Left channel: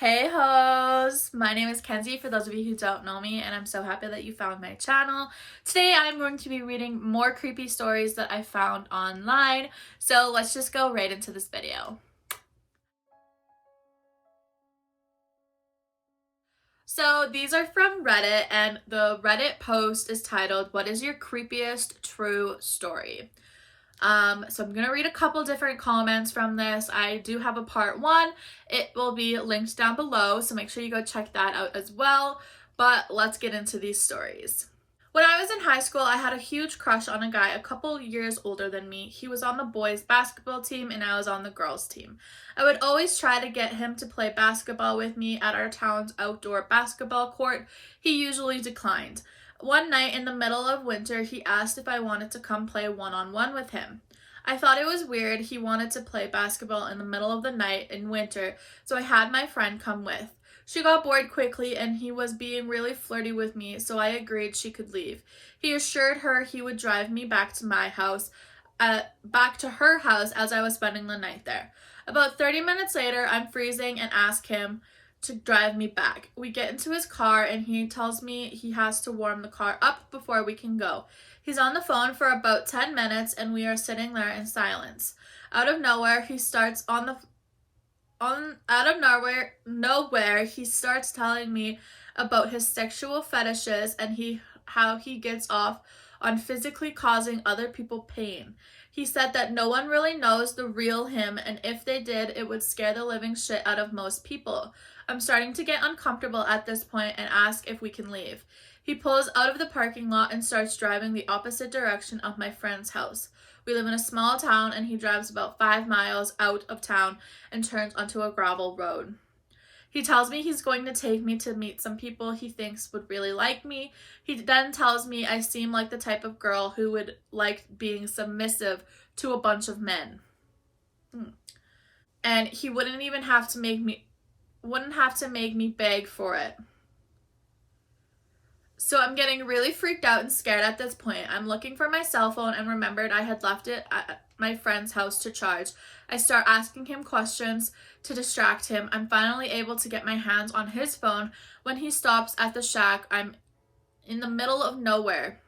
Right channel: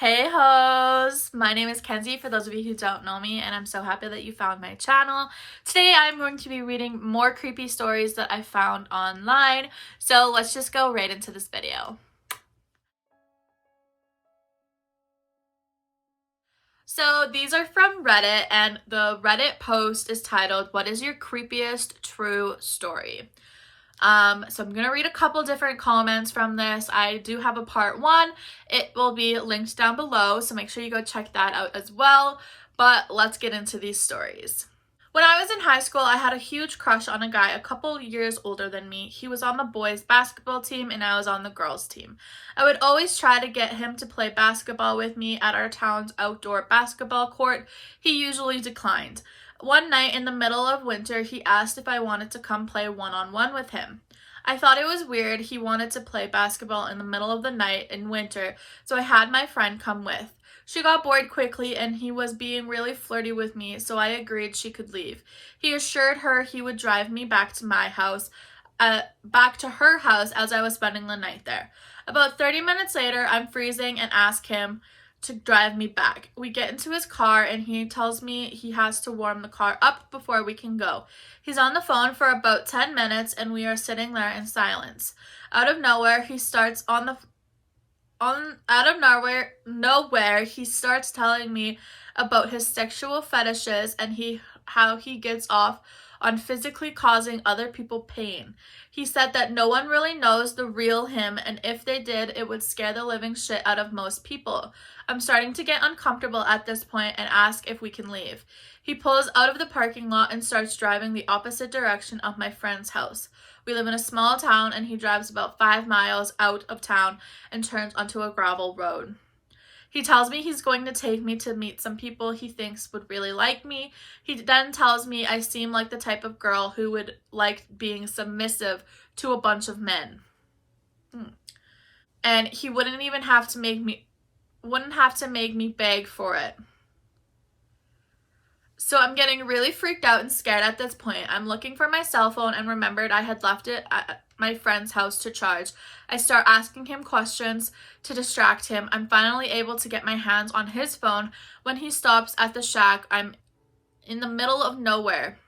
Hey hoes! My name is Kenzie for those of you who don't know me, and I'm so happy that you found my channel. Today I'm going to be reading more creepy stories that I found online, so let's just go right into this video. So these are from Reddit, and the Reddit post is titled, "What is your creepiest true story?" So I'm gonna read a couple different comments from this. I do have a part one. It will be linked down below, so make sure you go check that out as well. But let's get into these stories. When I was in high school, I had a huge crush on a guy a couple years older than me. He was on the boys' basketball team and I was on the girls' team. I would always try to get him to play basketball with me at our town's outdoor basketball court. He usually declined. One night in the middle of winter, he asked if I wanted to come play one-on-one with him. I thought it was weird he wanted to play basketball in the middle of the night in winter, so I had my friend come with. She got bored quickly and he was being really flirty with me, so I agreed she could leave. He assured her he would drive me back to her house as I was spending the night there. About 30 minutes later, I'm freezing and ask him to drive me back. We get into his car and he tells me he has to warm the car up before we can go. He's on the phone for about 10 minutes and we are sitting there in silence. Out of nowhere, he starts he starts telling me about his sexual fetishes and how he gets off on physically causing other people pain. He said that no one really knows the real him, and if they did, it would scare the living shit out of most people. I'm starting to get uncomfortable at this point and ask if we can leave. He pulls out of the parking lot and starts driving the opposite direction of my friend's house. We live in a small town and he drives about 5 miles out of town and turns onto a gravel road. He tells me he's going to take me to meet some people he thinks would really like me. He then tells me I seem like the type of girl who would like being submissive to a bunch of men. And he wouldn't have to make me beg for it. So I'm getting really freaked out and scared at this point. I'm looking for my cell phone and remembered I had left it at my friend's house to charge. I start asking him questions to distract him. I'm finally able to get my hands on his phone when he stops at the shack. I'm in the middle of nowhere.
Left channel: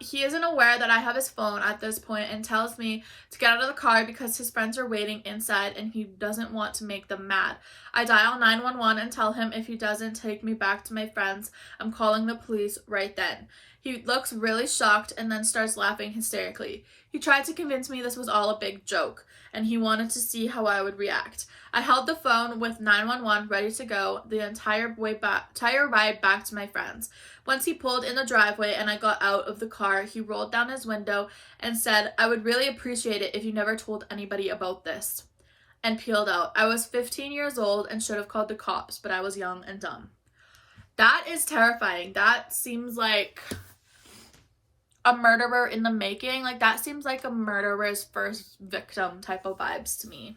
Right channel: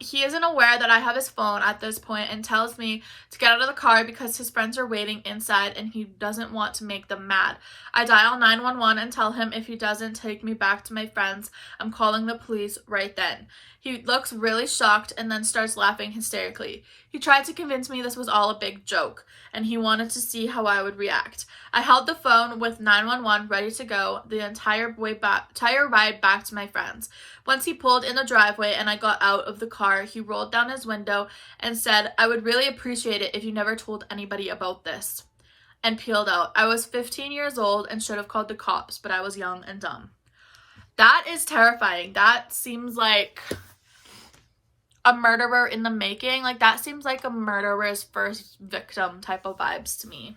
He isn't aware that I have his phone at this point and tells me to get out of the car because his friends are waiting inside and he doesn't want to make them mad. I dial 911 and tell him if he doesn't take me back to my friends, I'm calling the police right then. He looks really shocked and then starts laughing hysterically. He tried to convince me this was all a big joke and he wanted to see how I would react. I held the phone with 911 ready to go the entire ride back to my friends. Once he pulled in the driveway and I got out of the car, he rolled down his window and said, "I would really appreciate it if you never told anybody about this," and peeled out. I was 15 years old and should have called the cops, but I was young and dumb. That is terrifying. That seems like a murderer in the making. Like, that seems like a murderer's first victim type of vibes to me.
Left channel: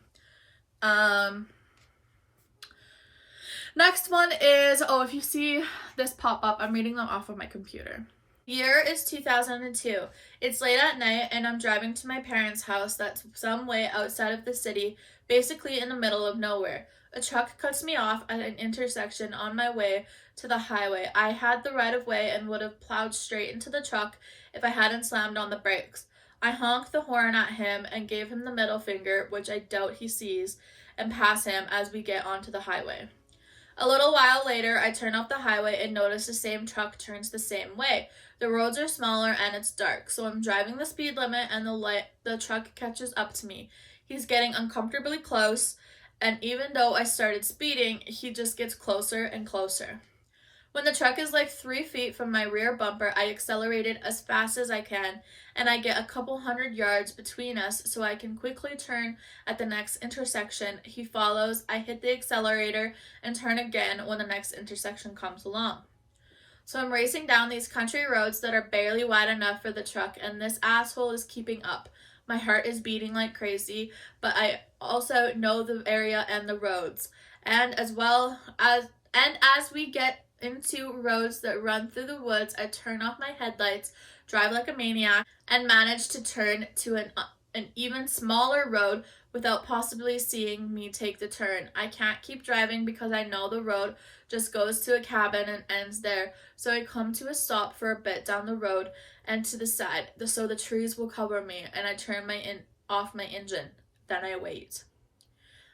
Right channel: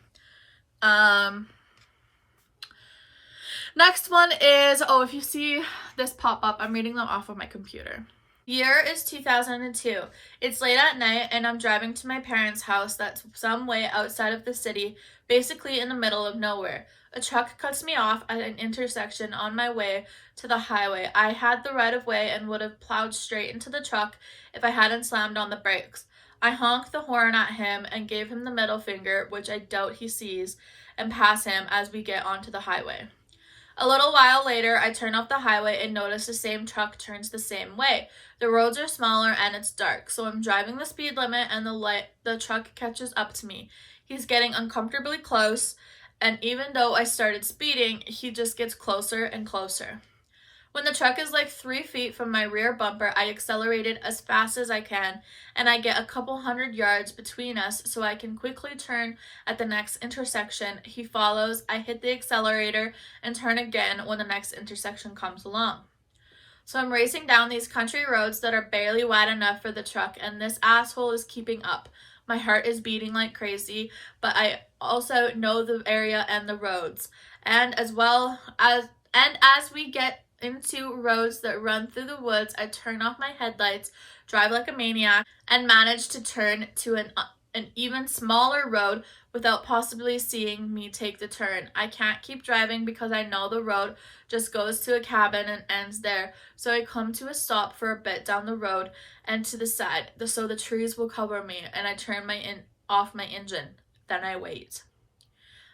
Next one is, if you see this pop up, I'm reading them off of my computer. Year is 2002. It's late at night and I'm driving to my parents' house that's some way outside of the city, basically in the middle of nowhere. A truck cuts me off at an intersection on my way to the highway. I had the right of way and would have plowed straight into the truck if I hadn't slammed on the brakes. I honk the horn at him and gave him the middle finger, which I doubt he sees, and pass him as we get onto the highway. A little while later, I turn off the highway and notice the same truck turns the same way. The roads are smaller and it's dark, so I'm driving the speed limit and the truck catches up to me. He's getting uncomfortably close, and even though I started speeding, he just gets closer and closer. When the truck is like 3 feet from my rear bumper, I accelerated as fast as I can, and I get a couple 100 yards between us so I can quickly turn at the next intersection. He follows, I hit the accelerator, and turn again when the next intersection comes along. So I'm racing down these country roads that are barely wide enough for the truck, and this asshole is keeping up. My heart is beating like crazy, but I also know the area and the roads. And as we get into roads that run through the woods, I turn off my headlights, drive like a maniac, and manage to turn an even smaller road without possibly seeing me take the turn. I can't keep driving because I know the road just goes to a cabin and ends there. So I come to a stop for a bit down the road and to the side so the trees will cover me, and I turn off my engine. Then I wait.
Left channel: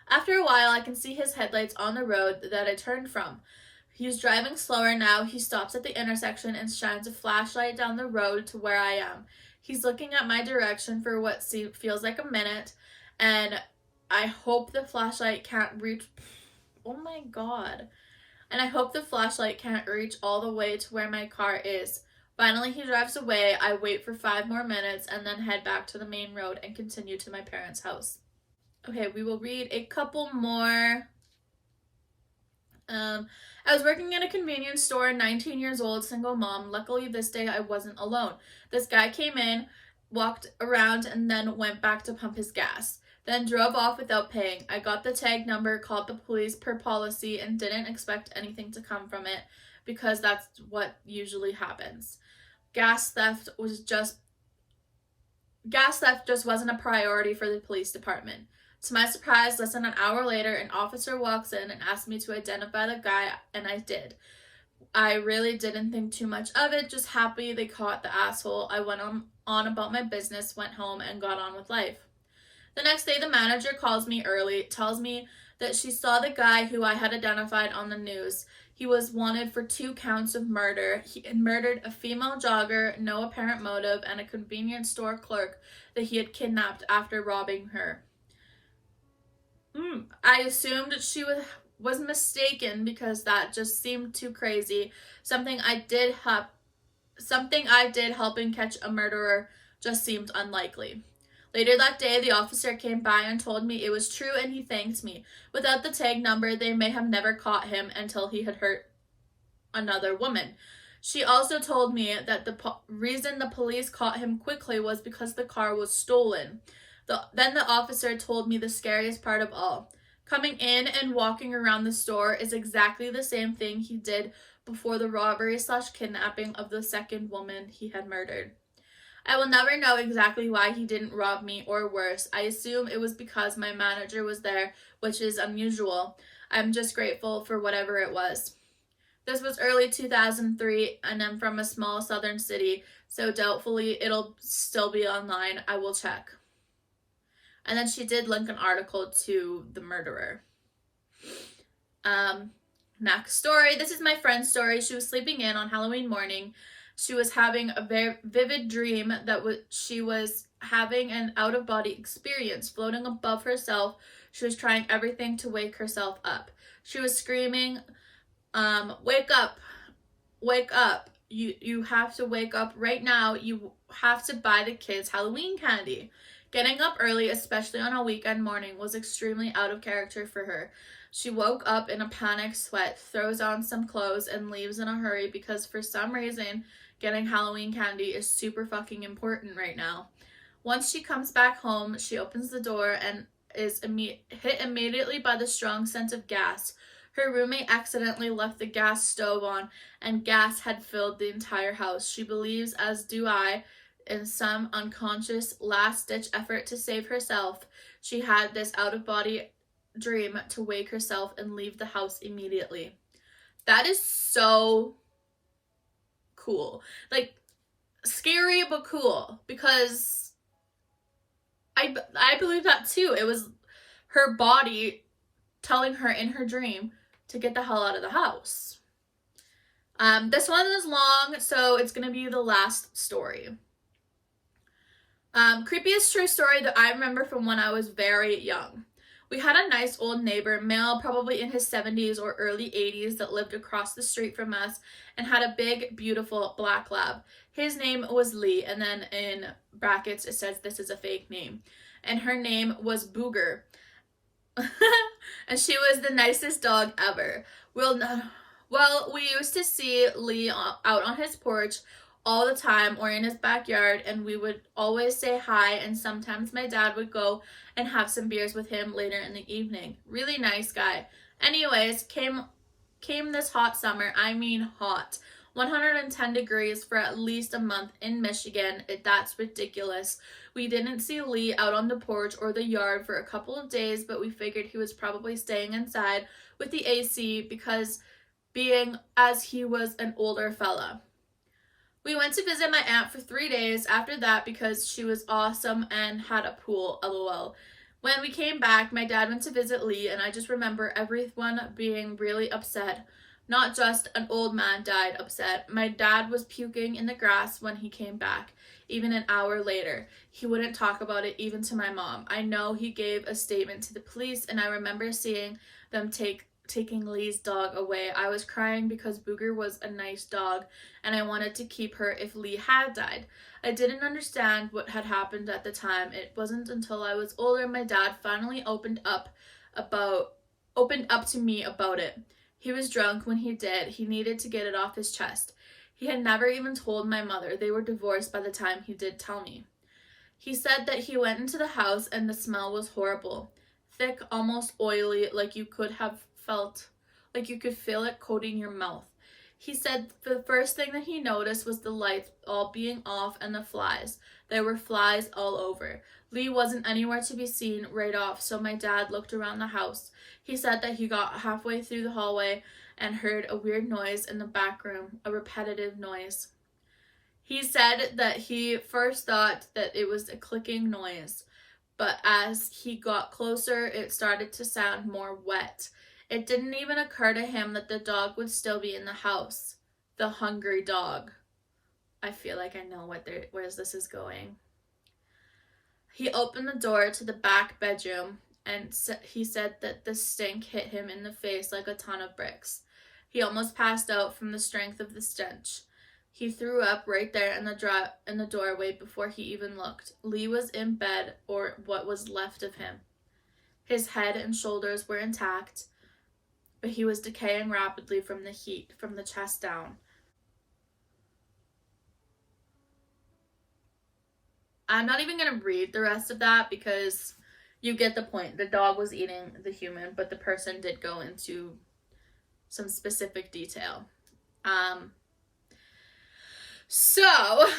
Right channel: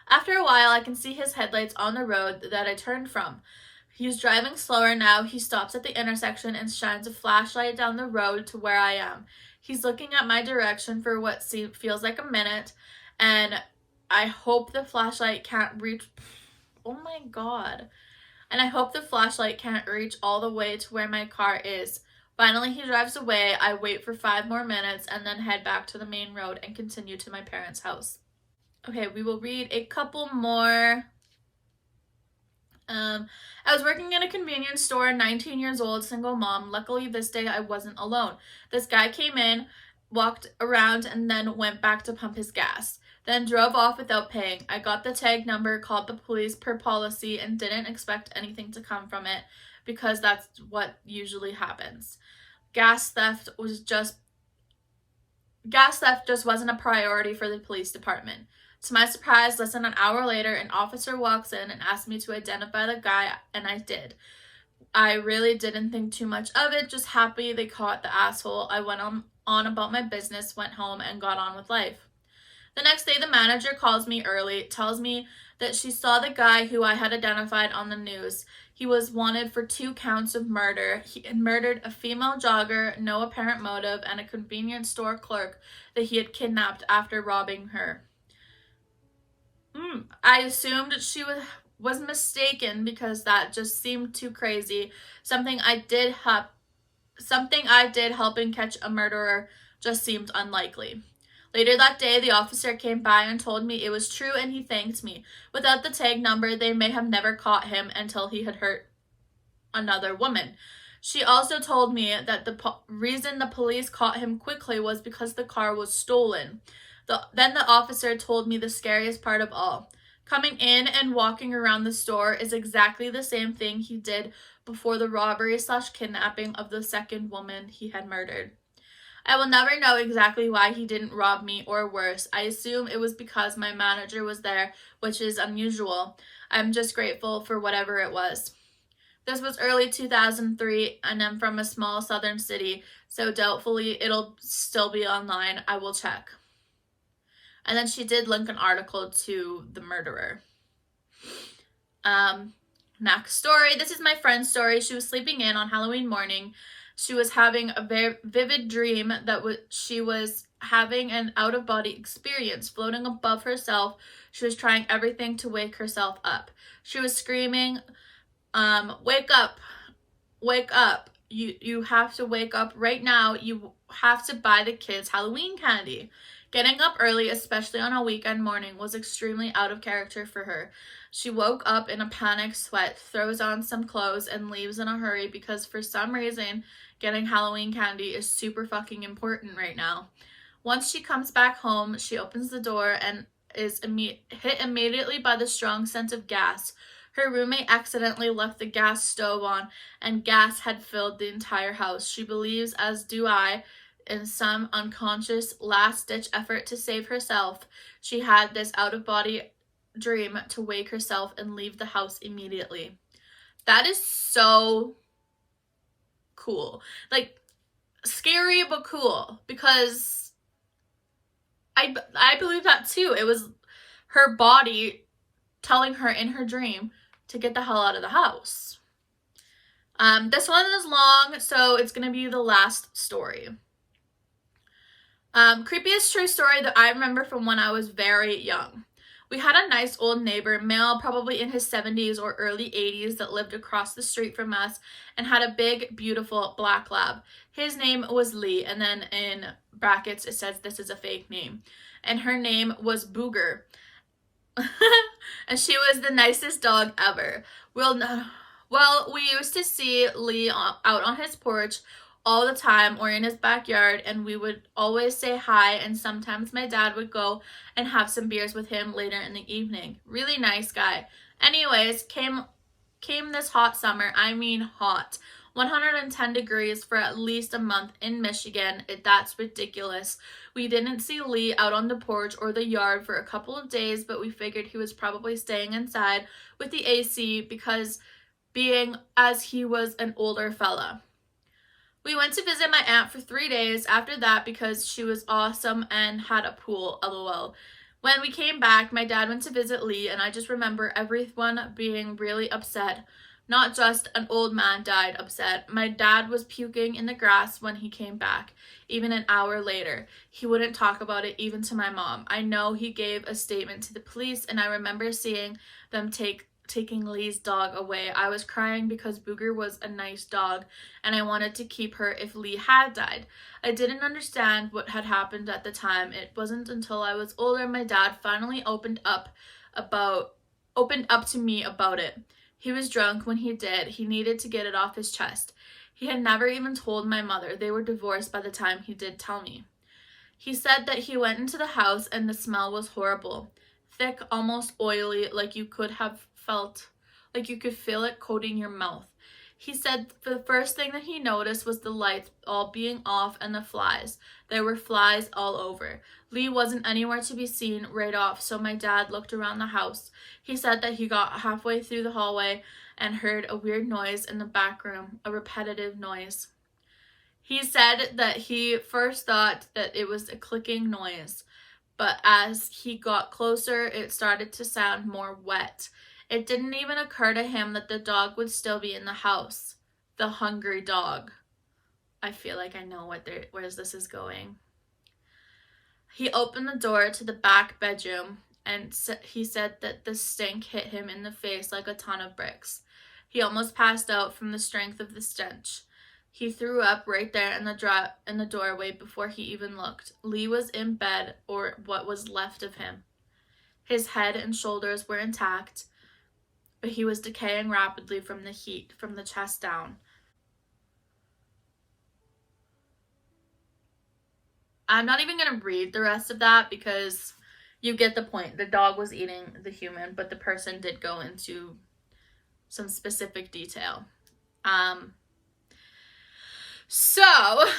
After a while, I can see his headlights on the road that I turned from. He's driving slower now. He stops at the intersection and shines a flashlight down the road to where I am. He's looking at my direction for what feels like a minute, and I hope the flashlight can't reach... Oh my god. And I hope the flashlight can't reach all the way to where my car is. Finally, he drives away. I wait for 5 more minutes and then head back to the main road and continue to my parents' house. Okay, we will read a couple more. I was working in a convenience store, 19 years old, single mom. Luckily, this day I wasn't alone. This guy came in, walked around, and then went back to pump his gas. Then drove off without paying. I got the tag number, called the police per policy, and didn't expect anything to come from it because that's what usually happens. Gas theft just wasn't a priority for the police department. To my surprise, less than an hour later, an officer walks in and asks me to identify the guy, and I did. I really didn't think too much of it, just happy they caught the asshole. I went on about my business, went home, and got on with life. The next day, the manager calls me early, tells me that she saw the guy who I had identified on the news. He was wanted for 2 counts of murder. He had murdered a female jogger, no apparent motive, and a convenience store clerk that he had kidnapped after robbing her. I assumed she was mistaken because that just seemed too crazy. Something I did helping catch a murderer just seemed unlikely. Later that day, the officer came by and told me it was true, and he thanked me. Without the tag number, they may have never caught him until he had hurt another woman. She also told me that the reason the police caught him quickly was because the car was stolen. Then the officer told me the scariest part of all. Coming in and walking around the store is exactly the same thing he did before the robbery/kidnapping of the second woman he had murdered. I will never know exactly why he didn't rob me, or worse. I assume it was because my manager was there, which is unusual. I'm just grateful for whatever it was. This was early 2003, and I'm from a small southern city, so doubtfully it'll still be online. I will check. And then she did link an article to the murderer. Next story. This is my friend's story. She was sleeping in on Halloween morning. She was having a very vivid dream that she was having an out-of-body experience, floating above herself. She was trying everything to wake herself up. She was screaming, wake up, wake up. You have to wake up right now. You have to buy the kids Halloween candy. Getting up early, especially on a weekend morning, was extremely out of character for her. She woke up in a panic sweat, throws on some clothes, and leaves in a hurry because for some reason, getting Halloween candy is super fucking important right now. Once she comes back home, she opens the door and is hit immediately by the strong scent of gas. Her roommate accidentally left the gas stove on, and gas had filled the entire house. She believes, as do I, in some unconscious last-ditch effort to save herself, she had this out-of-body dream to wake herself and leave the house immediately. That is so cool. Like, scary but cool, because I believe that too. It was her body telling her in her dream to get the hell out of the house. This one is long, so it's going to be the last story. Creepiest true story that I remember from when I was very young. We had a nice old neighbor, male, probably in his 70s or early 80s, that lived across the street from us and had a big, beautiful black lab. His name was Lee, and then in brackets it says this is a fake name. And her name was Booger. And she was the nicest dog ever. Well, we used to see Lee out on his porch all the time or in his backyard, and we would always say hi, and sometimes my dad would go and have some beers with him later in the evening. Really nice guy. Anyways, came this hot summer. I mean hot. 110 degrees for at least a month in Michigan. That's ridiculous. We didn't see Lee out on the porch or the yard for a couple of days, but we figured he was probably staying inside with the AC being as he was an older fella. We went to visit my aunt for 3 days after that because she was awesome and had a pool, lol. When we came back, my dad went to visit Lee, and I just remember everyone being really upset. Not just an old man died upset. My dad was puking in the grass when he came back, even an hour later. He wouldn't talk about it even to my mom. I know he gave a statement to the police, and I remember seeing them taking Lee's dog away. I was crying because Booger was a nice dog, and I wanted to keep her if Lee had died. I didn't understand what had happened at the time. It wasn't until I was older my dad finally opened up to me about it. He was drunk when he did. He needed to get it off his chest. He had never even told my mother. They were divorced by the time he did tell me. He said that he went into the house and the smell was horrible. Thick, almost oily, like you could feel it coating your mouth. He said the first thing that he noticed was the lights all being off and the flies. There were flies all over. Lee wasn't anywhere to be seen right off, so my dad looked around the house. He said that he got halfway through the hallway and heard a weird noise in the back room, a repetitive noise. He said that he first thought that it was a clicking noise, but as he got closer, it started to sound more wet. It didn't even occur to him that the dog would still be in the house. The hungry dog. I feel like I know where this is going. He opened the door to the back bedroom, and he said that the stink hit him in the face like a ton of bricks. He almost passed out from the strength of the stench. He threw up right there in the doorway before he even looked. Lee was in bed, or what was left of him. His head and shoulders were intact, but he was decaying rapidly from the heat from the chest down. I'm not even going to read the rest of that because you get the point. The dog was eating the human, but the person did go into some specific detail. So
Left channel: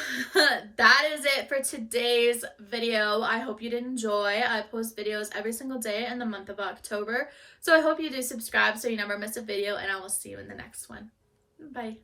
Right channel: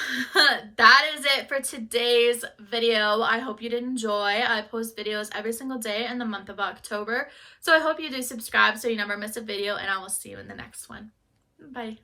that is it for today's video. I hope you did enjoy. I post videos every single day in the month of October. So I hope you do subscribe so you never miss a video, and I will see you in the next one. Bye.